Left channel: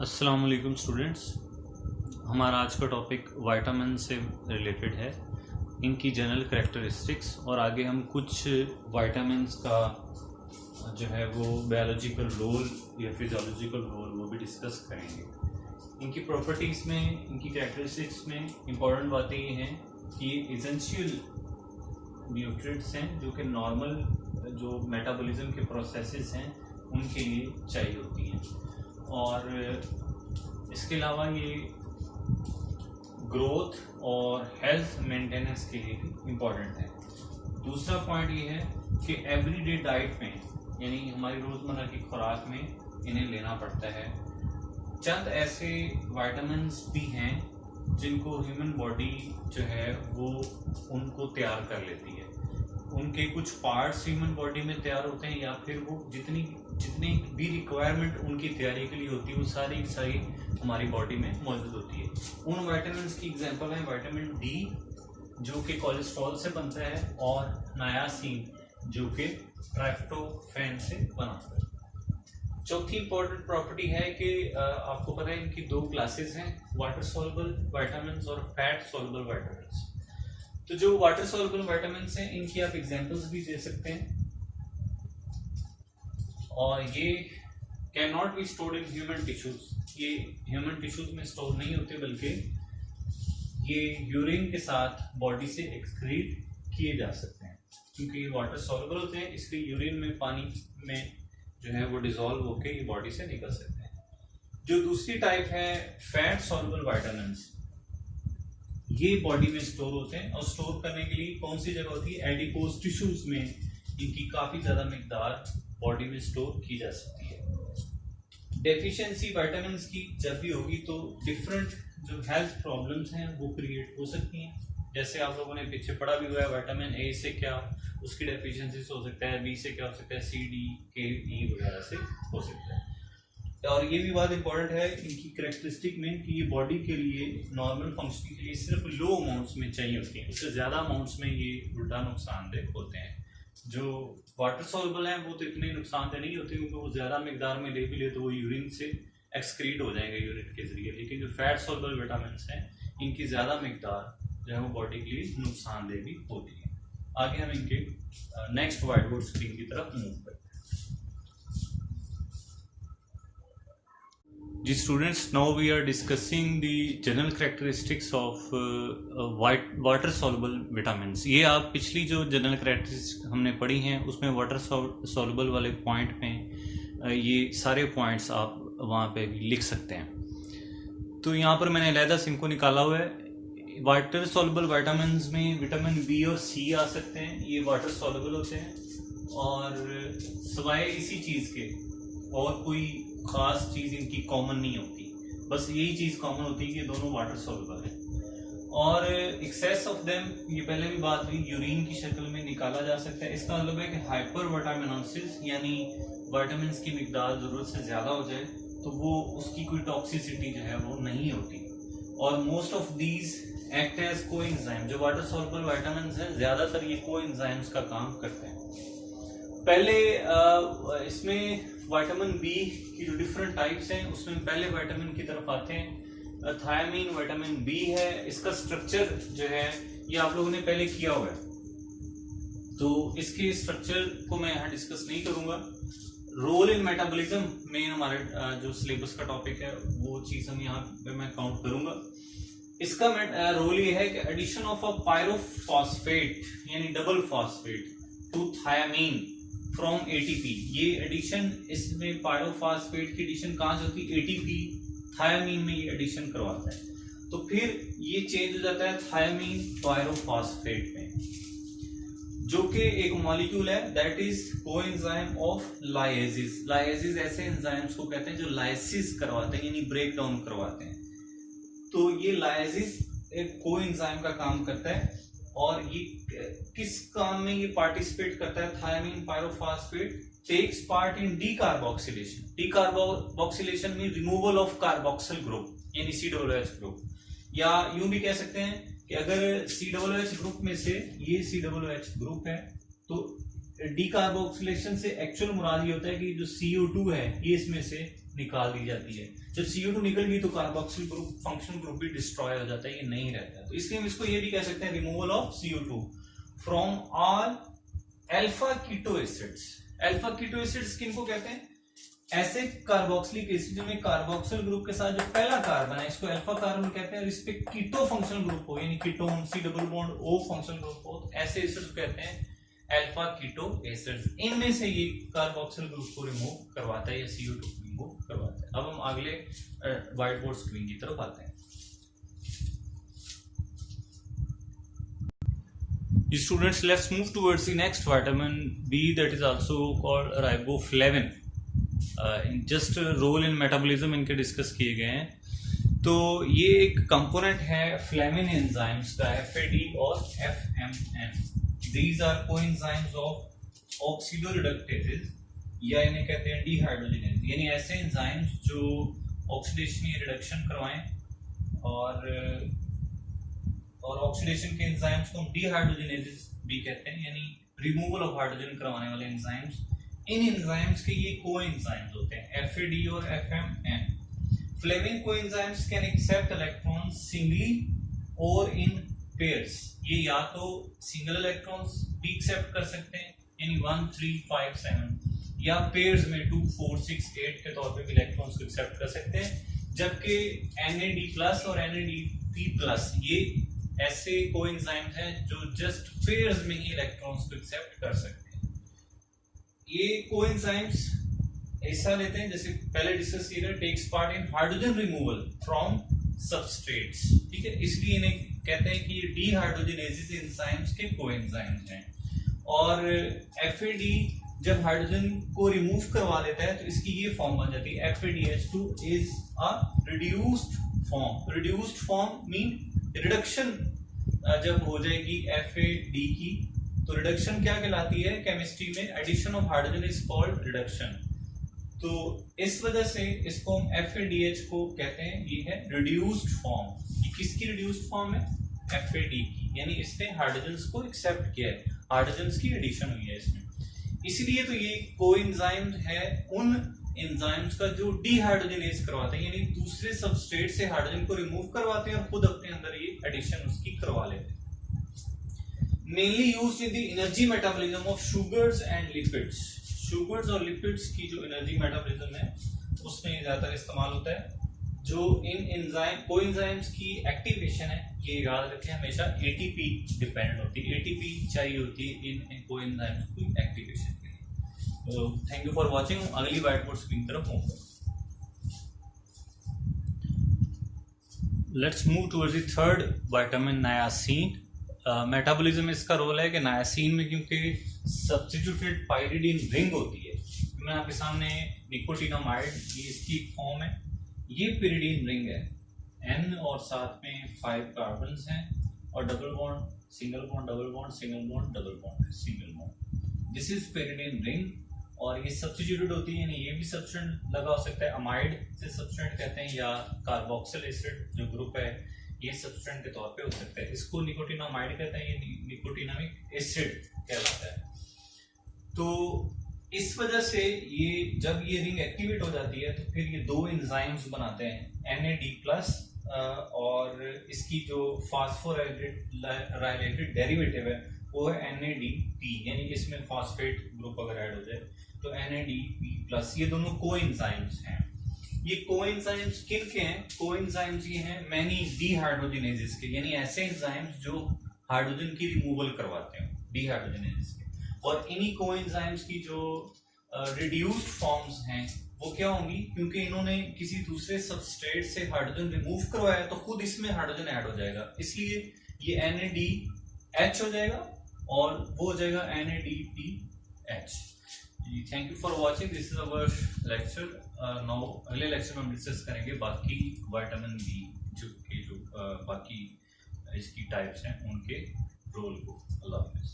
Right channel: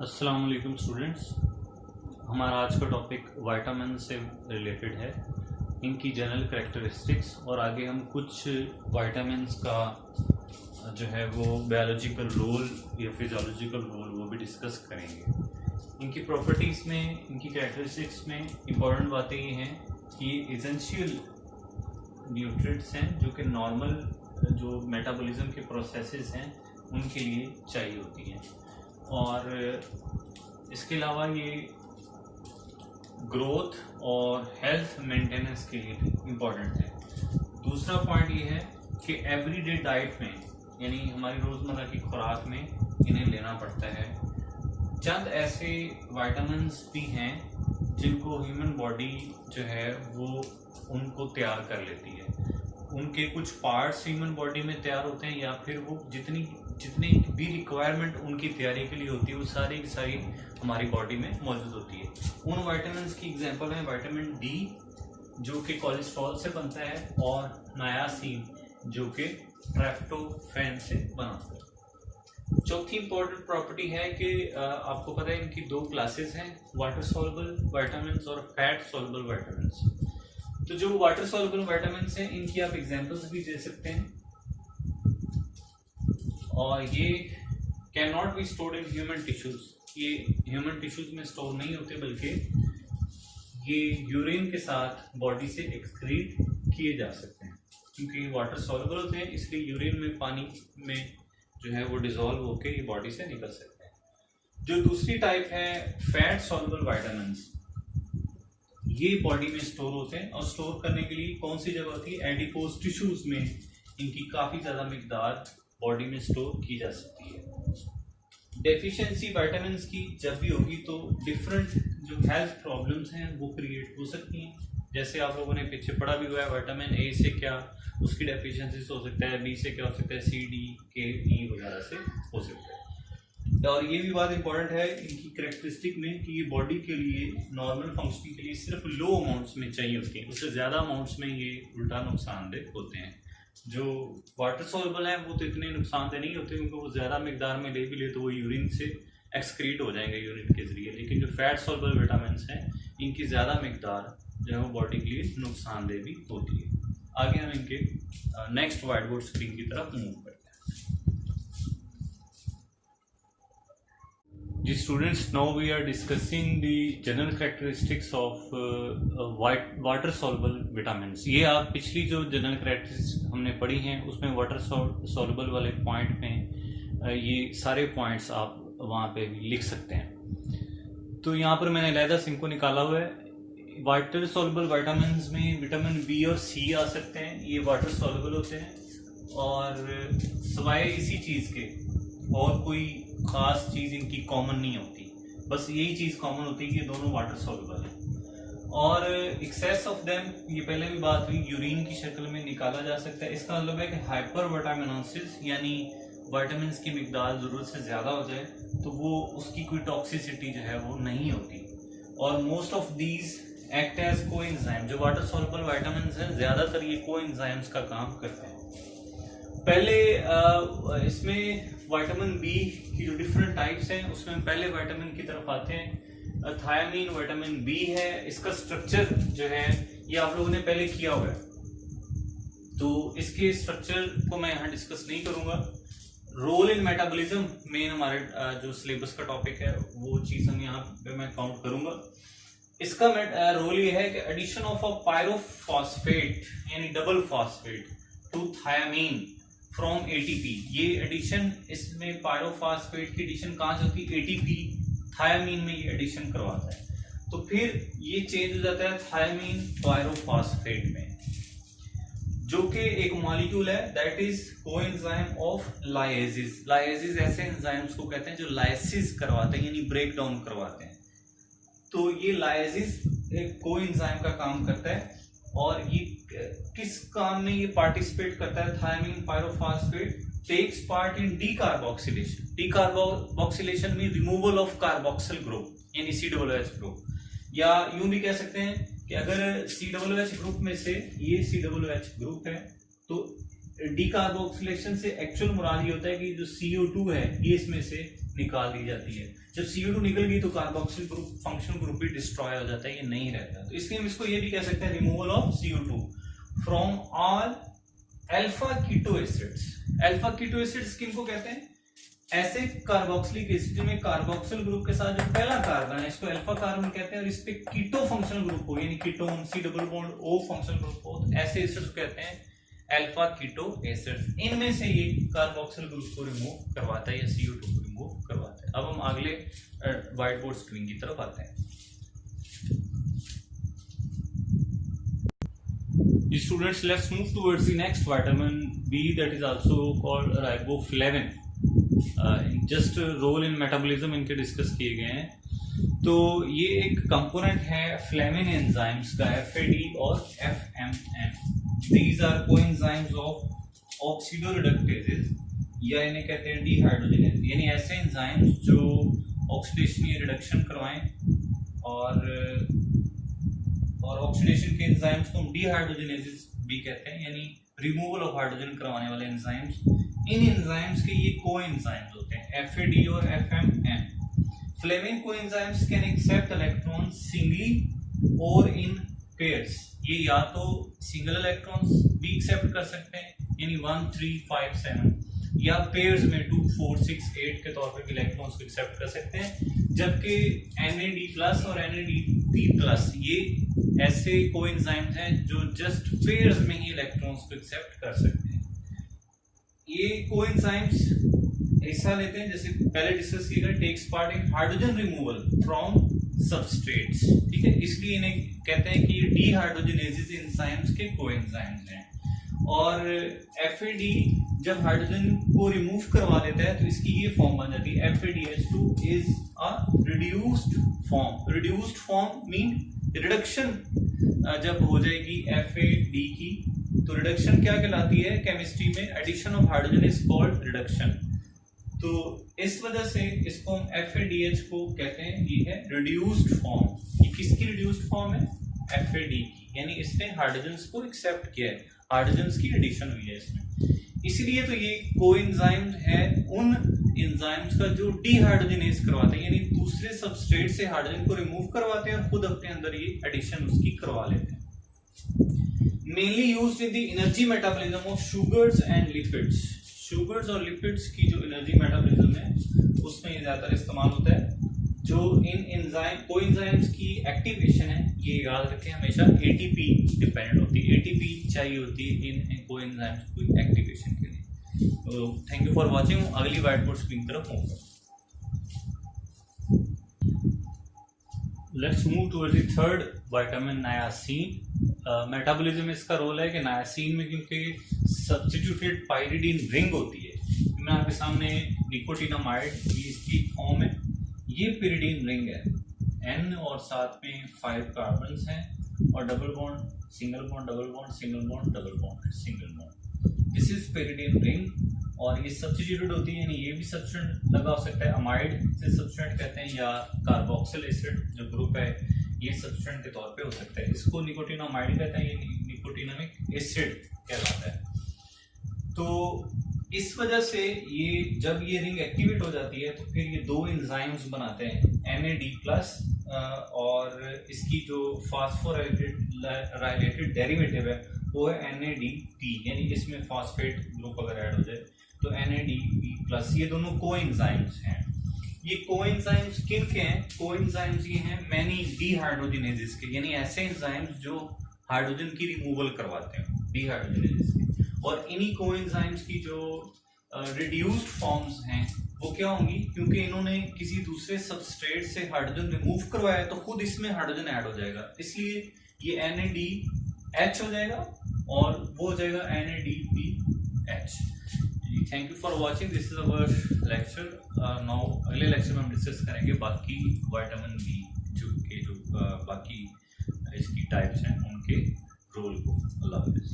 अस्सलाम वालेकुम स्टूडेंट्स। हमारा आज का टॉपिक विटामिन से रिलेटेड है, इनकी जनरल करैक्टरिस्टिक्स, और आगे हम कुछ विटामिन्स का जो है वो बायोलॉजिकल रोल या फिजियोलॉजिकल रोल वो भी डिस्कस करेंगे। इनकी प्रॉपर्टीज़ में, इनकी करैक्टरिस्टिक्स में इम्पॉर्टेंट बातें ये हैं कि ये एसेंशियल न्यूट्रिएंट्स हैं जो कि नॉर्मल जो मेटाबॉलिज्म के प्रोसेसेस हैं उनके लिए चाहिए होती हैं, और इसके अलावा ये ग्रोथ और हेल्थ मेंटेनेंस के लिए इम्पॉर्टेंट है। दूसरा पॉइंट ये है कि एवरीडे डाइट में, यानी हमारी रोज़मर्रा की खुराक में इन्हें लेना पड़ता है। चंद ऐसे विटामिन्स भी हैं जिनको ह्यूमन बॉडी जो है वो उनको तैयार कर लेती है। उनके कुछ पार्ट्स ह्यूमन बॉडी में तैयार होते हैं, या फिर वो जितनी भी रिक्वायरमेंट उनकी तैयारी के लिए होती है वो सारी की सारी हमारी बॉडी में मौजूद होती है। उन विटामिन्स की एग्जांपल है विटामिन डी जो कि कोलेस्ट्रॉल से बनता है, और नायासिन जो कि ट्रिप्टोफैन से बनता है। चौथी इंपॉर्टेंट प्रॉपर्टी है कि आपको पता है इनकी दो क्लासेस हैं, वाटर सॉल्युबल विटामिन्स और फैट सॉल्युबल विटामिन्स। तो जो वाटर सॉल्युबल विटामिन्स हैं इनकी आप एग्जांपल्स भी दे सकते हैं, और ये can not be stored in human tissues. ये ह्यूमन टिश्यूज में स्टोर नहीं होते, बल्कि ये यूरिन के साथ बॉडी से एक्सक्रीट किए जा सकते हैं। क्योंकि ये वाटर सॉल्युबल होते हैं, इसलिए यूरिन में, पानी में जो है वो डिसॉल्व होकर ये बॉडी से निकल सकते हैं। जो दूसरी टाइप है फैट सॉल्युबल विटामिन्स, ये बॉडी में स्टोर होते हैं, और स्टोर करने के लिए कौन सी जगह होती है? एडिपोज टिश्यूज में इनकी काफी ज्यादा मिकदार बॉडी में स्टोर की जा सकती है। डेफिशिएंसी विटामिन्स की जब भी होगी तो डिफरेंट जो हेल्थ प्रॉब्लम्स हैं वो क्रिएट हो सकती हैं। जैसे आप लोगों ने पीछे पढ़ा भी हुआ है, विटामिन ए से क्या उसकी डेफिशिएंसी हो सकता है, बी से क्या हो सकता है, सी, डी, के, ई वगैरह से हो सकता है। और ये भी बात इंपॉर्टेंट है इनकी करेक्टरिस्टिक में कि ये बॉडी के लिए नॉर्मल फंक्शनिंग के लिए सिर्फ लो अमाउंट्स में चाहिए होती है, उससे ज़्यादा अमाउंट्स में ये उल्टा नुकसानदेह होते हैं। जो वाटर सॉल्युबल हैं वो तो इतने नुकसानदेह नहीं होते, क्योंकि वो ज़्यादा मिकदार में ले भी ले तो वो यूरिन से एक्सक्रीट हो जाएंगे यूरिन के जरिए। लेकिन जो फैट सॉल्युबल विटामिन्स हैं इनकी ज़्यादा मिकदार जो है वो बॉडी के लिए नुकसानदेह भी होती है। आगे हम इनके नेक्स्ट व्हाइट बोर्ड स्क्रीन की तरफ मूव करते हैं। जी students, now we are discussing the general characteristics of water soluble vitamins. ये आप पिछली जो जनरल करैक्टरिस्टिक्स हमने पढ़ी हैं उसमें वाटर सॉल्युबल वाले पॉइंट में ये सारे पॉइंट्स आप वहाँ पे भी लिख सकते हैं। तो यहाँ पर मैंने अलहदा से इनको निकाला हुआ है। वाटर सॉल्युबल विटामिन्स में विटामिन बी और सी आ सकते हैं, ये वाटर सॉल्युबल होते हैं, और सिवाय इसी चीज़ के और कोई खास चीज़ इनकी कॉमन नहीं होती। बस यही चीज़ कॉमन होती है कि दोनों वाटर सॉल्युबल हैं, और एक्सेस ऑफ देम, ये पहले भी बात हुई, यूरिन की शक्ल में निकाला जा सकता है। इसका मतलब है कि हाइपर विटामिनोसिस, यानी विटामिन की मिकदार ज़रूरत से ज़्यादा हो जाए तो वो उसकी कोई टॉक्सिसिटी जो है वो नहीं होती। और most of these act as coenzyme. जो वाटर सॉल्युबल विटामिन्स हैं ज़्यादातर ये कोएंजाइम्स का काम करते हैं। पहले इसमें विटामिन बी की जो डिफरेंट टाइप्स हैं उसमें पहले विटामिन की तरफ आते हैं। थायामीन विटामिन बी है, इसका स्ट्रक्चर जो है ये आप लोगों ने पहले किया हुआ है, तो इसके स्ट्रक्चर को मैं यहाँ डिस्कस नहीं करूंगा। रोल इन मेटाबॉलिज्म में हमारे जो सिलेबस का टॉपिक है वो चीज़ हम यहाँ पे मैं काउंट करूंगा। इसका रोल ये है कि एडिशन ऑफ अ पायरोफॉस्फेट यानी double phosphate to thiamine from ATP. ये एडिशन, इसमें पायरोफॉस्फेट की एडिशन कहाँ से होती है? एटीपी थायामीन में ये एडिशन करवाता है, तो फिर ये चेंज हो जाता है थायामीन पायरोफॉस्फेट में, जो कि एक मॉलिक्यूल है दैट इज कोएंजाइम ऑफ लाइएसिस। लाइएसिस ऐसे एंजाइम्स को कहते हैं जो लाइसिस करवाते हैं, यानी ब्रेक डाउन करवाते हैं। तो ये लाइसिस एक कोएंजाइम का काम करता है, और ये किस काम में ये पार्टिसिपेट करता है? Thiamine pyrophosphate takes part in decarboxylation. Decarboxylation में रिमूवल ऑफ कार्बोक्सिल ग्रुप यानी COOH ग्रुप, या यूं भी कह सकते हैं कि अगर COOH ग्रुप में से ये COOH ग्रुप है तो डीकार्बोक्सिलेशन से एक्चुअल मुराद ये होता है कि जो CO2 है ये इसमें से निकाल दी जाती है। जब CO2 निकल गई तो कार्बोक्सिल ग्रुप फंक्शनल ग्रुप भी डिस्ट्रॉय हो जाता है, ये नहीं रहता। तो इसलिए हम इसको ये भी कह सकते हैं removal of CO2 from all alpha keto acids. Alpha keto acids किनको कहते हैं? ऐसे कार्बोक्सिलिक एसिड जिनमें कार्बोक्सिल ग्रुप के साथ जो पहला कार्बन है इसको अल्फा कार्बन कहते हैं, और इस पे कीटो फंक्शनल ग्रुप हो यानी ketone C double bond O functional group हो, तो ऐसे एसिड्स कहते हैं अल्फा कीटो एसिड्स। इनमें से ये कार्बोक्सिल ग्रुप को रिमूव करवाता है या CO2 को रिमूव करवाता है। अब हम अगले व्हाइट बोर्ड स्क्रीन की तरफ आते हैं। Students, let's move towards the next vitamin B, that is also called riboflavin. Just role in metabolism इनके डिस्कस किए गए हैं। तो ये एक कंपोनेंट है फ्लेविन एंजाइम्स का, FAD और FMN। These are coenzymes of oxidoreductases, या इन्हें कहते हैं डिहाइड्रोजिनेज, यानी ऐसे एंजाइम्स जो ऑक्सीडेशन या रिडक्शन करवाएं, और ऑक्सीडेशन के एंजाइम्स को हम डिहाइड्रोजिनेजेस भी कहते हैं, यानी रिमूवल ऑफ हाइड्रोजन करवाने वाले एंजाइम्स। इन एंजाइम्स के ये कोएंजाइम्स होते हैं FAD और FMN। Flavin coenzymes can accept electron singly और इन पेयर्स। ये या तो सिंगल इलेक्ट्रॉन्स भी एक्सेप्ट कर सकते हैं यानी 1 3 5 7, या पेयर्स में 2 4 6 8 के तौर पे भी इलेक्ट्रॉन्स को एक्सेप्ट कर सकते हैं। जबकि NAD+ और NADP+ ये ऐसे कोएंजाइम्स हैं जो जस्ट पेयर्स में ही इलेक्ट्रॉन्स को एक्सेप्ट कर सकते हैं। ये कोएंजाइम्स ऐसा लेते हैं जैसे पहले डिस्कस किया गया, takes part in hydrogen removal from substrates, ठीक है। इसलिए इन्हें कहते हैं कि ये डिहाइड्रोजिनेजेस एंजाइम्स के कोएंजाइम्स हैं। और FAD जब हाइड्रोजन को रिमूव करवा देता है तो इसकी ये फॉर्म बन जाती है FADH2 is a reduced form. Reduced form mean reduction जब हो जाएगी FAD की तो रिडक्शन क्या कहलाती है केमिस्ट्री में? Addition of hydrogen is called reduction. तो इस वजह से इसको हम FADH को कहते हैं ये है रिड्यूस्ड फॉर्म। ये किसकी रिड्यूस्ड फॉर्म है? FAD की, यानी इसने हाइड्रोजन्स को एक्सेप्ट किया है, हाइड्रोजन्स की एडिशन हुई है इसमें। इसलिए तो ये कोएंजाइम है उन एंजाइम्स का जो डिहाइड्रोजिनेज करवाते हैं, यानी दूसरे सबस्ट्रेट से हाइड्रोजन को रिमूव करवाते हैं और खुद अपने अंदर ये एडिशन उसकी करवा लेते हैं। Mainly used in the energy metabolism of sugars and lipids. Sugars और लिपिड्स की जो एनर्जी मेटाबॉलिज्म है उसमें ये ज्यादातर इस्तेमाल होता है। जो इन एंजाइम कोएंजाइम्स की एक्टिवेशन है ये याद रखें हमेशा ATP डिपेंडेंट होती है, ATP चाहिए होती है इन कोएंजाइम्स की एक्टिवेशन के लिए। तो थैंक यू फॉर वाचिंग। अगली व्हाइट बोर्ड स्क्रीन तरफ होगा। Let's move towards the third vitamin नायासिन। Metabolism में इसका रोल है कि नायासिन में क्योंकि सब्स्टिट्यूटेड पाइरिडीन रिंग होती है, मैं आपके सामने निकोटिनामाइड ये इसकी फॉर्म है, ये पिरिडीन रिंग है N और साथ में 5 कार्बन्स हैं और double bond single bond double bond single bond double bond single bond. This is pyridine ring और ये सब्स्टिट्यूटेड होती है, यानी ये भी सब्स्टेंट लगा हो सकता है, अमाइड से सब्स्टेंट कहते हैं या कार्बोक्सिल एसिड जो ग्रुप है ये सब्स्टेंट के तौर पे हो सकता है। इसको निकोटिनामाइड कहते हैं, ये निकोटिनामिक एसिड कहलाता है। तो इस वजह से ये जब ये रिंग एक्टिवेट हो जाती है तो फिर ये दो एंजाइम्स बनाते हैं NAD+ और इसकी जो फास्फोराइलेटेड डेरिवेटिव है वो है NADP, यानी इसमें फास्फेट ग्रुप अगर ऐड हो जाए तो NADP+। ये दोनों कोएंजाइम्स हैं। ये कोएंजाइम्स किन के हैं? कोएंजाइम्स ये हैं मैनी डिहाइड्रोजिनेजेस के, यानी ऐसे एंजाइम्स जो हाइड्रोजन की रिमूवल करवाते हैं डिहाइड्रोजिनेजेस के। और इन्हीं कोएंजाइम्स की जो रिड्यूस्ड फॉर्म्स हैं वो क्या होंगी? क्योंकि इन्होंने किसी दूसरे सबस्ट्रेट से हाइड्रोजन रिमूव करवाया तो खुद इसमें हाइड्रोजन ऐड हो जाएगा, इसलिए ये NADH हो जाएगा और वो हो जाएगा NADPH। Thank you for watching, this is our lecture. Now अगले लेक्चर में हम डिस्कस करेंगे बाकी विटामिन बी जो बाकी इसकी टाइप्स हैं उनके रोल को। अल्लाह हाफिज़।